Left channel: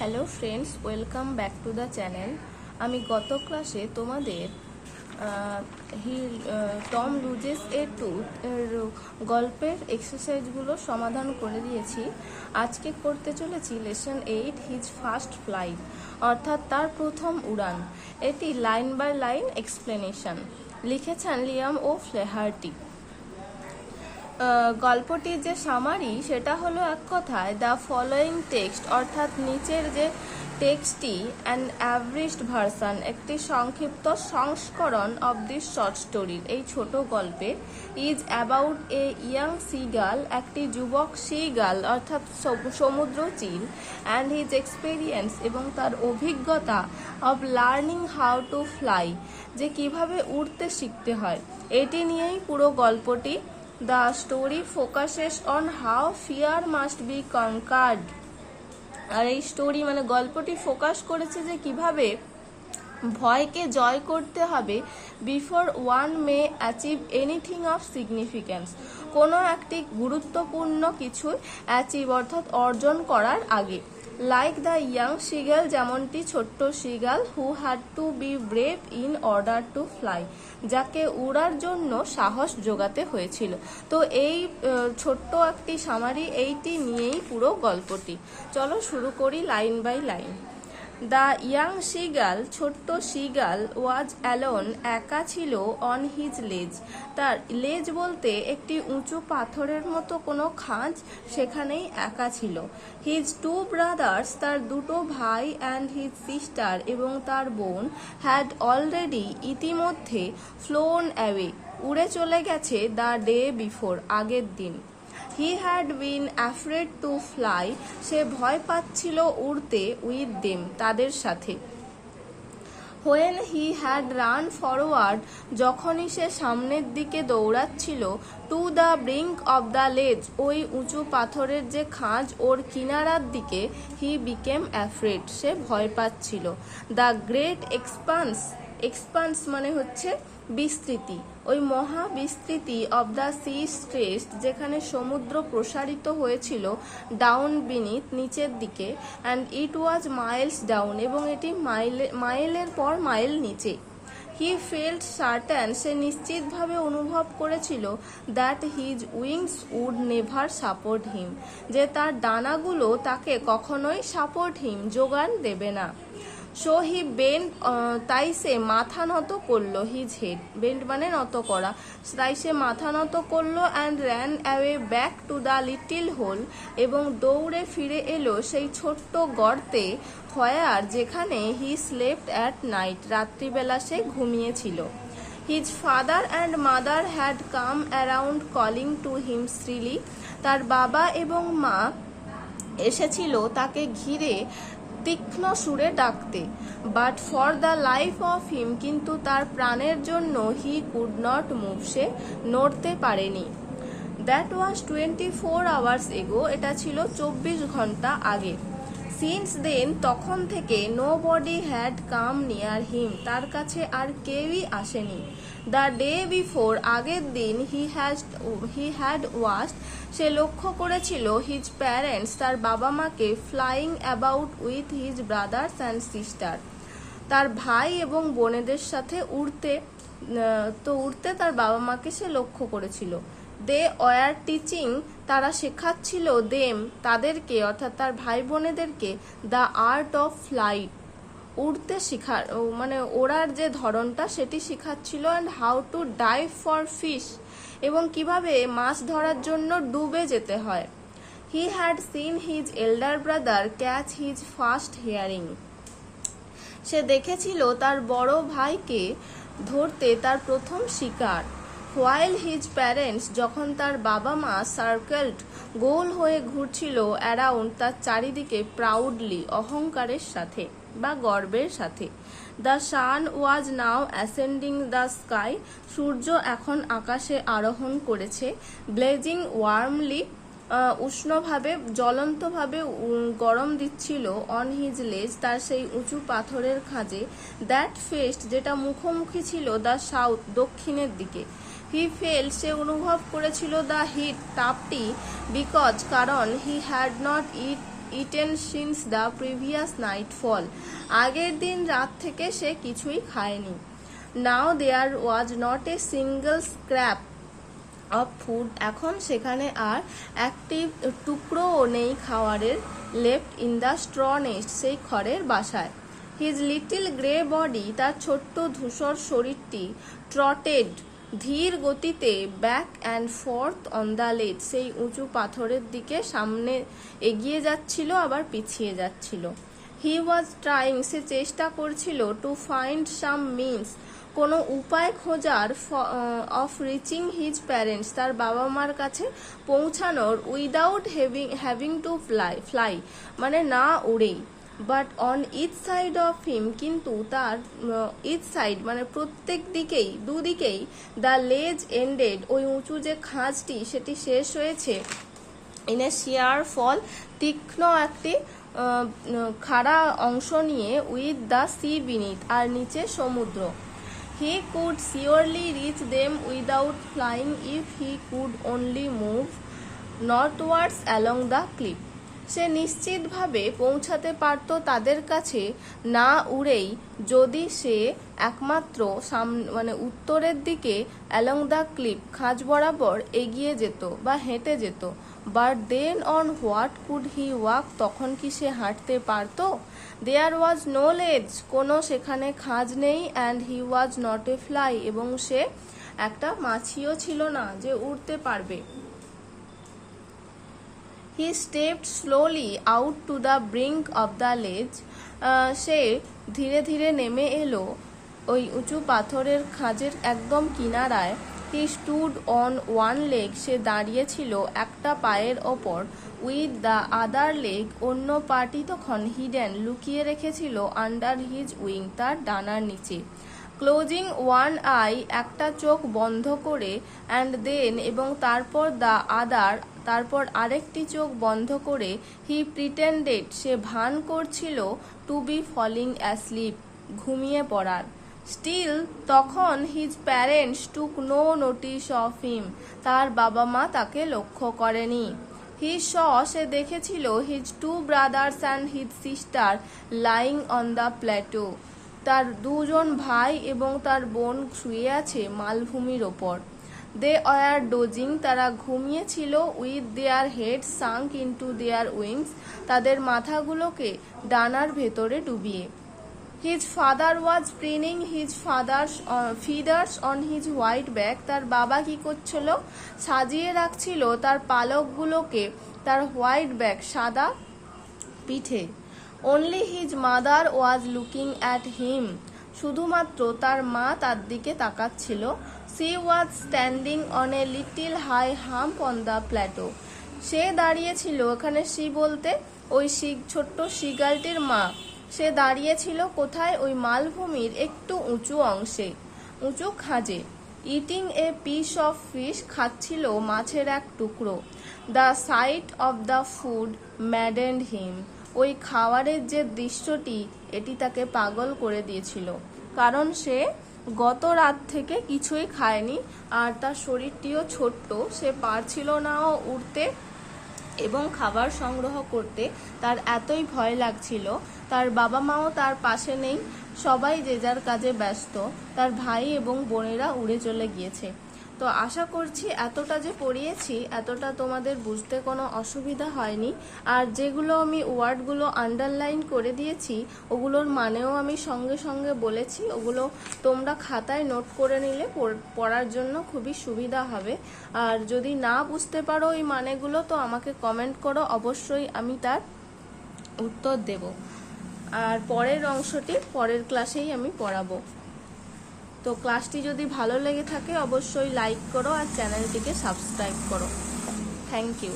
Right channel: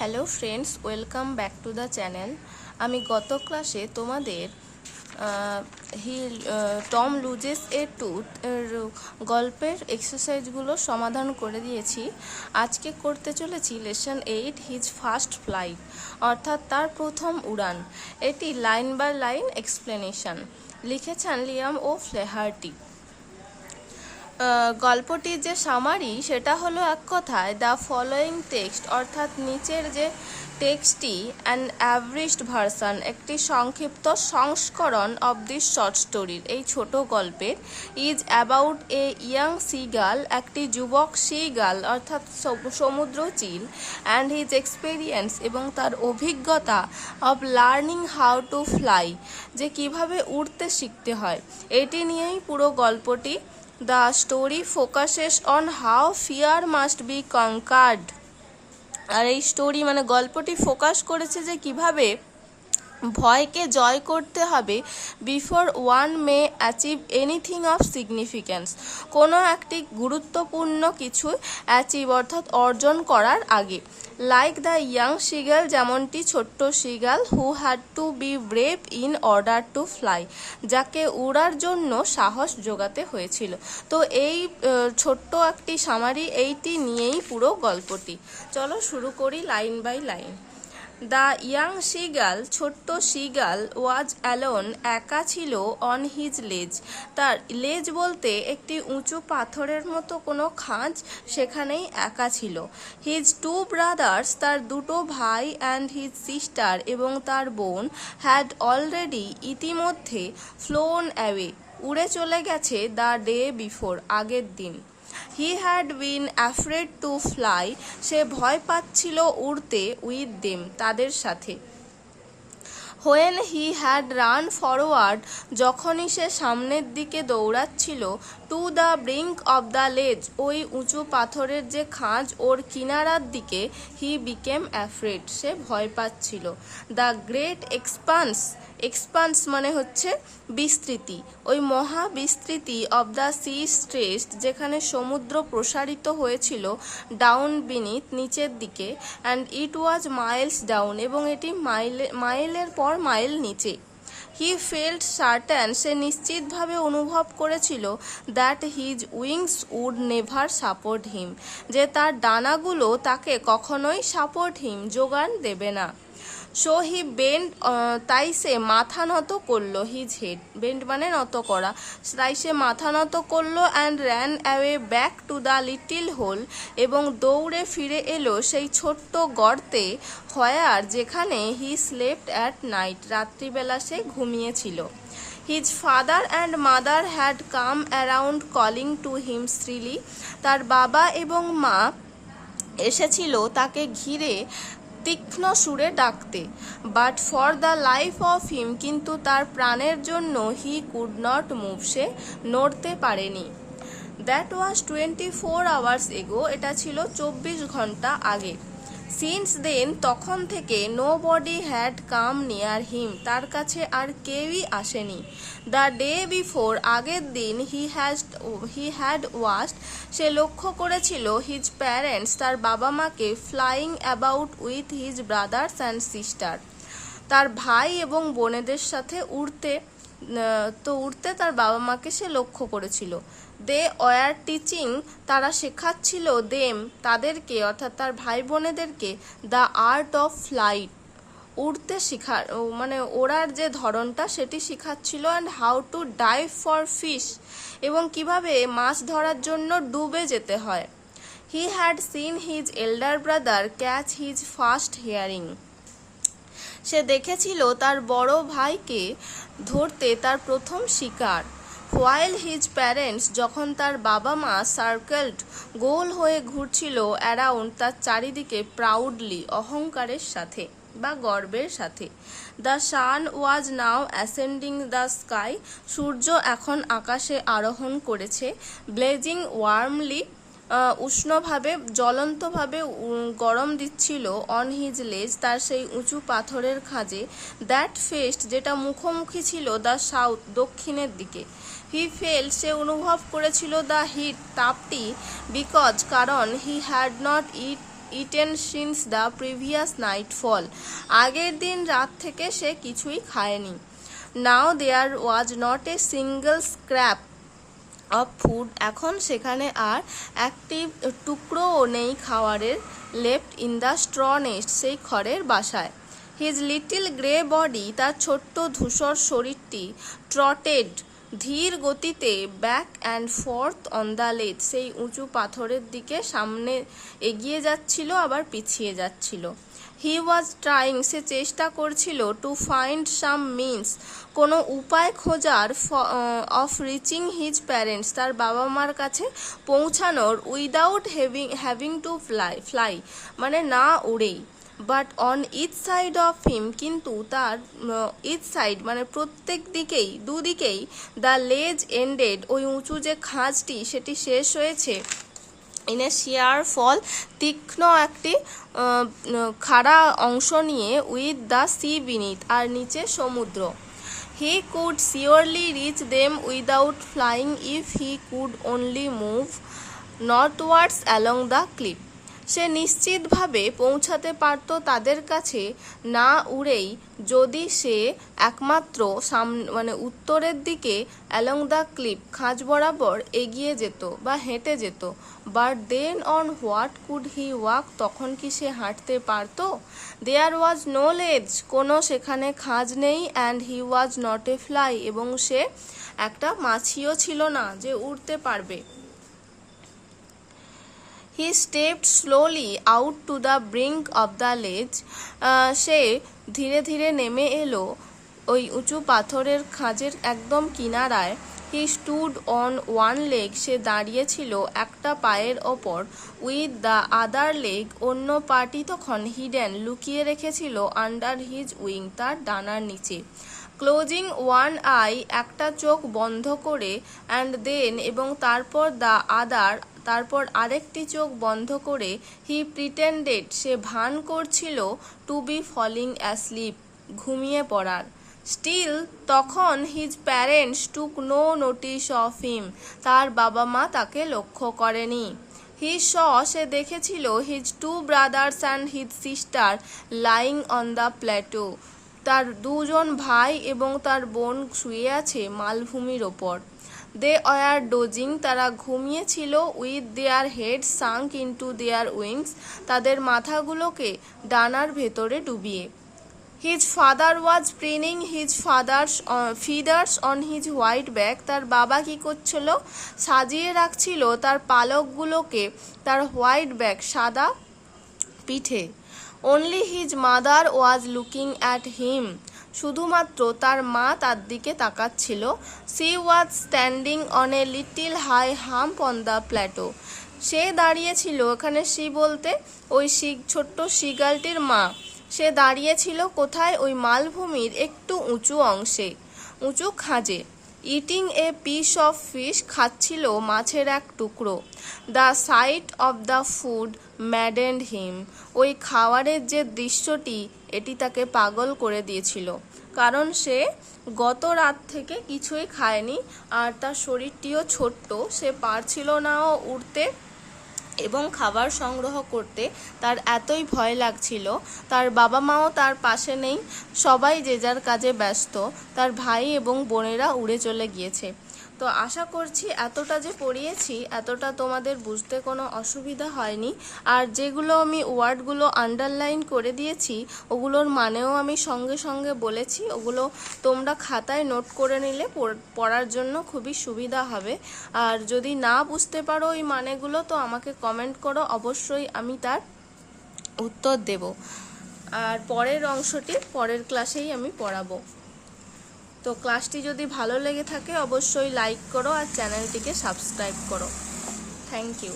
Hello friends, welcome back to the channel. আমি গত ক্লাসে তোমাদের টম লুজেস এ টুথ গল্পের এক্সারসাইজগুলো সমাধান করে দিয়েছি। আজকে করতে চলেছি লেসন 8 হিজ ফার্স্ট ফ্লাইট, অর্থাৎ তার প্রথম উড়ান। এটি লাইন বাই লাইন এক্সপ্লেনেশন। লিখেছেন লিয়াম ও ফ্লেহার্টি। গল্পটির যে সামারি সেটা হলো এক কথায় দ্য ফলোয়িং টেক্সট, অর্থাৎ নিচের যে টেক্সটটি অ্যান অ্যাভারেজড ভার্সন, একটি সংক্ষিপ্ত সংস্করণ অব দিস শর্ট স্টোরির, এই ছোট গল্পের, is about a young seagull, একটি যুবক সিগাল অর্থাৎ সমুদ্র চিল, অ্যান্ড হিজ এক্সপেরিয়েন্স, এবং তার অভিজ্ঞতা, of learning how to fly, যে কিভাবে উড়তে শিখতে হয়। এটি নিয়েই পুরো গল্পটি। The story focuses on how fear must be conquered. আর এই স্টোরি মানে গল্পটি ফোকাস করেছে যে কিভাবে ভয়কে জয় করতে হবে before one May achieve anything of significance, কোনো একটি গুরুত্বপূর্ণ কিছু অ্যাচিভ অর্থাৎ অর্জন করার আগে। লাইক দ্য ইয়াং সিগাল, যেমনটি ছোট্ট seagull, who had to B brave in order to fly, যাকে উড়ার জন্য সাহস জোগাতে হয়েছিল। তো এই ছোট্ট একটি সামারি, এইটি নিয়েই পুরো গল্পটি। চলো শুরু করি line by line. The young seagull, ছোট্ট সিগাল, ওয়াজ অ্যালোন, একা ছিল, অন হিজ লেজ, তার লেজ বলতে একটি উঁচু পাথরের মতো কোনো খাঁজ, সেখানেই একা ছিল। হিজ টু ব্রাদার্স, তার দুটো ভাই, অ্যান্ড হিজ সিস্টার, এবং তার বোন, হ্যাড অলরেডি, ইতিমধ্যে, ফ্লোন অ্যাওয়ে, উড়ে চলে গেছে, দ্য ডে বিফোর, আগের দিন। He had been afraid to fly, সে ভয় পাচ্ছিল উড়তে, উইথ দেম, তাদের সাথে। When he had run forward, যখনই সে সামনের দিকে দৌড়াচ্ছিল, to the brink of the ledge, ওই উঁচু পাথরের যে খাঁজ ওর কিনারার দিকে, হি বিকেম অ্যাফ্রেড, সে ভয় পাচ্ছিল। দ্য গ্রেট এক্সপান্স, এক্সপান্স মানে হচ্ছে বিস্তৃতি, ওই মহা বিস্তৃতি, অব দ্য সি স্ট্রেচড, যেখানে সমুদ্র প্রসারিত হয়েছিল, ডাউন বিনিথ, নিচের দিকে, and it was Miles down, এবং এটি মাইলের পর মাইল নিচে। হি ফেল্ট সার্টেন, সে নিশ্চিতভাবে অনুভব করেছিল, that his wings would never support him, যে তার ডানাগুলো তাকে কখনোই সাপোর্ট হিম, যোগান দেবে না। সো হি বেন্ড, তাই সে মাথা নত করলো, হিজ হেড, বেন্ড মানে নত করা, তাই সে মাথা নত করলো, and ran away back to the little hole, এবং দৌড়ে ফিরে এলো সেই ছোট্ট গর্তে, হোয়ার, যেখানে, হি স্লেপ্ট অ্যাট নাইট, রাত্রিবেলা সে ঘুমিয়েছিল। His father and mother had come around calling to him shrilly, তার বাবা এবং মা এসেছিল তাকে ঘিরে তীক্ষ্ণ সুরে ডাকতে। But for the life of him, কিন্তু তার প্রাণের জন্য, হি কুড নট মুভ, সে নড়তে পারেনি। দ্যাট ওয়াজ 24 hours এগো, এটা ছিল 24 ঘন্টা আগে। সিন্স দেন, তখন থেকে, nobody had come near him, তার কাছে আর কেউই আসেনি। দ্য ডে বিফোর, আগের দিন, হি হ্যাড ওয়াচড, সে লক্ষ্য করেছিল, হিজ প্যারেন্টস, তার বাবা মাকে, flying about with his brothers and sister, তার ভাই এবং বোনেদের সাথে উড়তে তার বাবা মাকে সে লক্ষ্য করেছিল। দে ওয়ার টিচিং, তারা শেখাচ্ছিল, দেম, তাদেরকে, অর্থাৎ তার ভাই বোনেদেরকে, দ্য আর্ট অফ ফ্লাইট, উড়তে মানে ওড়ার যে ধরনটা সেটি শেখাচ্ছিল, and how to dive for fish, এবং কিভাবে মাছ ধরার জন্য ডুবে যেতে হয়। He had seen his elder brother catch his first herring, সে দেখেছিল তার বড় ভাইকে ধরতে তার প্রথম শিকার। হোয়াইল হিজ প্যারেন্টস, যখন তার বাবা মা, সার্কেলড, গোল হয়ে ঘুরছিল, অ্যারাউন্ড, তার চারিদিকে, প্রাউডলি, অহংকারের সাথে বা গর্বের সাথে। The sun was now ascending the sky, সূর্য এখন আকাশে আরোহণ করেছে। ব্লেজিং ওয়ার্মলি, উষ্ণভাবে, জ্বলন্তভাবে গরম দিচ্ছিল, অন হিজ লেজ, তার সেই উঁচু পাথরের খাঁজে। দ্যাট ফেস্ট, যেটা মুখোমুখি ছিল, দ্য সাউথ, দক্ষিণের দিকে। হি ফেল, সে অনুভব করেছিল, দ্য হিট, তাপটি, বিকজ, কারণ, he had not it eaten since the previous nightfall. আগের দিন রাত থেকে সে কিছুই খায়নি. Now there was not a single scrap of food. এখন সেখানে আর একটি টুকরোও নেই খাবারের. left in the straw nest, সেই খড়ের বাসায়. His little grey body, তার ছোট্ট ধূসর শরীরটি, trotted, ধীর গতিতে back and fourth on the লেজ, সেই উঁচু পাথরের দিকে সামনে এগিয়ে যাচ্ছিল আবার পিছিয়ে যাচ্ছিল. হি ওয়াজ ট্রাইং, সে চেষ্টা করছিল, টু ফাইন্ড সাম মিনস, কোনো উপায় খোঁজার, অফ রিচিং হিজ প্যারেন্টস, তার বাবা মার কাছে পৌঁছানোর, উইদাউট হ্যাভিং টু ফ্লাই মানে না উড়েই. But on each side of him, কিন্তু তার ইচ সাইড মানে প্রত্যেক দিকেই, দুদিকেই, দ্য লেজ এন্ডেড, ওই উঁচু যে খাঁজটি সেটি শেষ হয়েছে, ইন এ শিয়ার ফল, তীক্ষ্ণ একটি খাড়া অংশ নিয়ে, উইথ দ্য সি বিনিথ, আর নিচে সমুদ্র. He could surely reach them without flying if he could only move northwards along the cliff, সে নিশ্চিতভাবে পৌঁছাতে পারত তাদের কাছে না উড়েই, যদি সে একমাত্র মানে উত্তরের দিকে অ্যালং দ্য ক্লিফ, খাঁজ বরাবর এগিয়ে যেত বা হেঁটে যেত. But then on what could he walk, তখন কি সে হাঁটতে পারত? দেয়ার ওয়াজ নো লেজ, কোনো সেখানে খাঁজ নেই. And he was not a fly, এবং সে একটা মাছিও ছিল না যে উড়তে পারবে. He stepped slowly out to the brink of the ledge, সে ধীরে ধীরে নেমে এলো ওই উঁচু পাথরের খাঁজের একদম কিনারায়. He stood on one leg, সে দাঁড়িয়েছিল একটা পায়ের ওপর. উইথ দ্য আদার লেগ, অন্য পাটি তখন হিডেন, লুকিয়ে রেখেছিল, আন্ডার হিজ উইং, তার ডানার নিচে. ক্লোজিং ওয়ান আই, একটা চোখ বন্ধ করে. অ্যান্ড দেন, এবং তারপর দ্য আদার, তারপর আরেকটি চোখ বন্ধ করে. হি প্রিটেন্ডেড, সে ভান করছিল, টু বি ফলিং অ্যাসলিপ, ঘুমিয়ে পড়ার. স্টিল, তখন his parents took no notice of him, তার বাবা মা তাকে লক্ষ্য করেনি. হি স, সে দেখেছিল, his two brothers and his sister lying on the plateau, তার দুজন ভাই এবং তার বোন শুয়ে আছে মালভূমির ওপর. দে ওয়ার ডোজিং, তারা ঘুমিয়েছিল. With their head sunk into their wings, তাদের মাথাগুলোকে ডানার ভেতরে ডুবিয়ে. His father was preening his feathers on his white back, তার বাবা কি করছিল? সাজিয়ে রাখছিল তার পালকগুলোকে তার হোয়াইট ব্যাক, সাদা পিঠে. Only his mother was looking at him, শুধুমাত্র তার মা তার দিকে তাকাচ্ছিল. She was standing on a little high hump on the plateau, সে দাঁড়িয়েছিল, এখানে সি বলতে ওই ছোট্ট সিগালটির মা, সে দাঁড়িয়েছিল কোথায়? ওই মালভূমির একটু উঁচু অংশে, উঁচু খাঁজে. Eating a piece of fish, খাচ্ছিল মাছের এক টুকরো. The sight of the food maddened him, ওই খাওয়ারের যে দৃশ্যটি এটি তাকে পাগল করে দিয়েছিল, কারণ সে গত রাত থেকে কিছুই খায়নি, আর তার শরীরটিও ছোট্ট, সে পারছিল নাও উড়তে এবং খাবার সংগ্রহ করতে, তার এতই ভয় লাগছিল. তার বাবা মাও তার পাশে নেই, সবাই যে যার কাজে ব্যস্ত, তার ভাই এবং বোনেরা উড়ে চলে গিয়েছে. তো আশা করছি এতটা যে পড়িয়েছি এতটা তোমাদের বুঝতে কোনো অসুবিধা হয়নি. আর যেগুলো আমি ওয়ার্ডগুলো আন্ডারলাইন করে দিয়েছি ওগুলোর মানেও আমি সঙ্গে সঙ্গে বলেছি, ওগুলো তোমরা খাতায় নোট করে নিলে পড়ার জন্য খুবই সুবিধা হবে. আর যদি না বুঝতে পারো এই মানেগুলো তো আমাকে কমেন্ট করো, অবশ্যই আমি তার উত্তর দেব. আর পরের অংশটি পরের ক্লাসেই আমি পড়াবো. তো ক্লাসটি যদি ভালো লেগে থাকে অবশ্যই লাইক করো আর চ্যানেলটিকে সাবস্ক্রাইব করো. Thank you.